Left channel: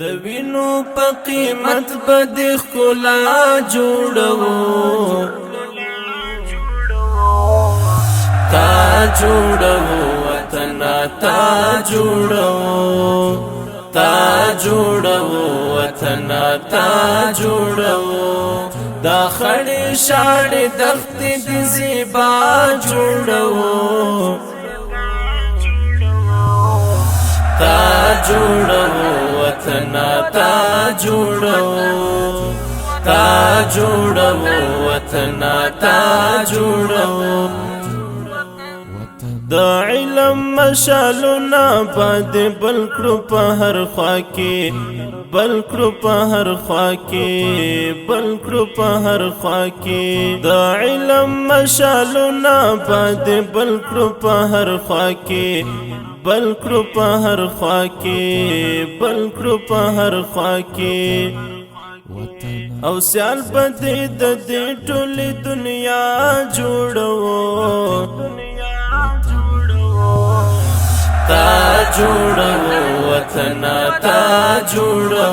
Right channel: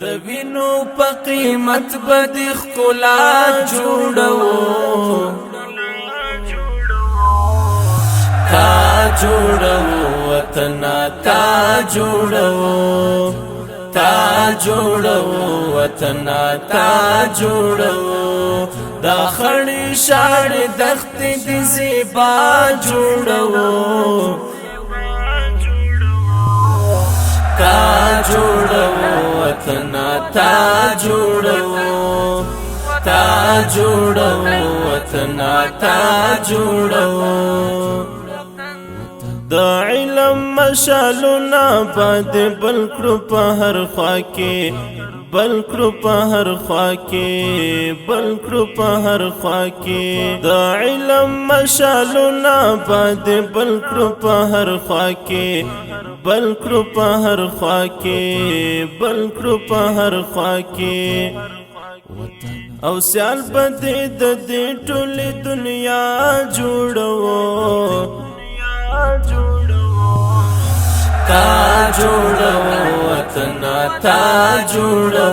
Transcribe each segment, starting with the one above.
د وینو په قیمت بد ښکلا جوړو تا جوړو وطن تا جوړو تا جوړو وطن تا جوړو دا خړې شاړې دښتې دې زیبا جوړو تا جوړو وطن تا جوړو تا جوړو وطن تا جوړو د علم مشالونه باد بل کړو په هر خوا کې بل کړو په هر خوا کې بل کړو په هر خوا کې د علم مشالونه باد بل کړو په هر خوا کې بل کړو په هر خوا کې بل کړو په هر خوا کې او سیال بده د دې ټولې دنیا جوړو تا جوړو وطن تا جوړو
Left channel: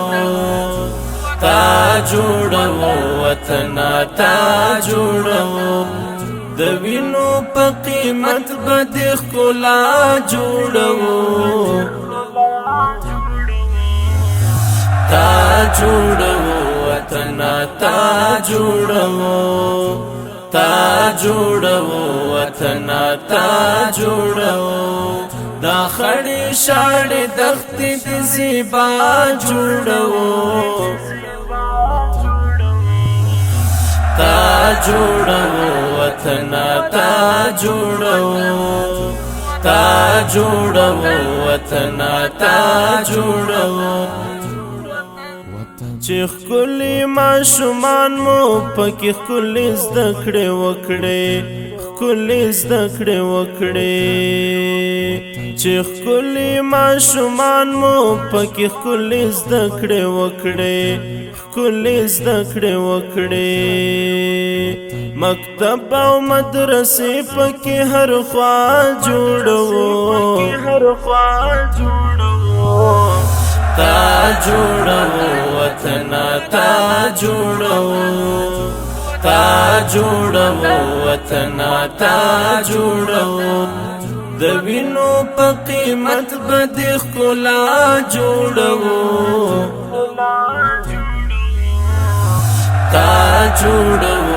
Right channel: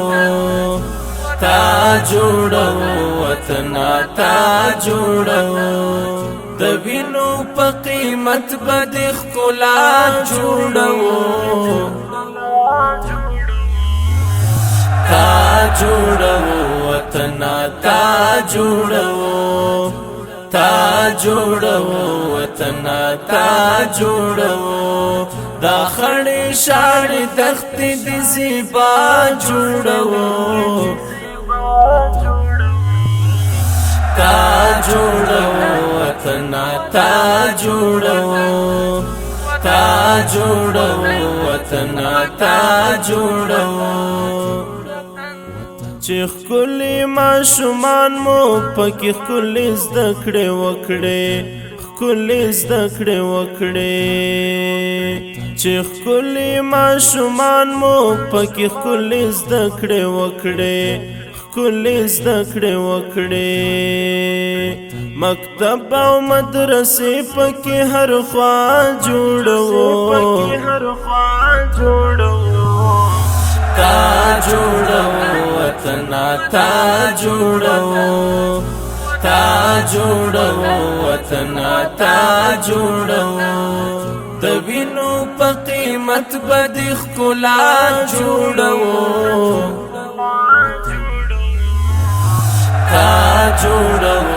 تا جوړو وطن تا جوړو د وینو په قیمت بد ښکلا جوړو تا جوړو وطن تا جوړو تا جوړو وطن تا جوړو دا خړې شاړې دښتې دې زیبا جوړو تا جوړو وطن تا جوړو تا جوړو وطن تا جوړو چې ښکلي ماشومان مو پکې ښکلي زده کړې وکړې ښکلي زده کړې وکړې چې ښکلي ماشومان مو پکې ښکلي زده کړې وکړې ښکلي زده کړې وکړې مکتب او مدرسې پکې هر خوا جوړو تا جوړو وطن تا جوړو تا جوړو وطن تا جوړو د وینو په قیمت بد ښکلا جوړو تا جوړو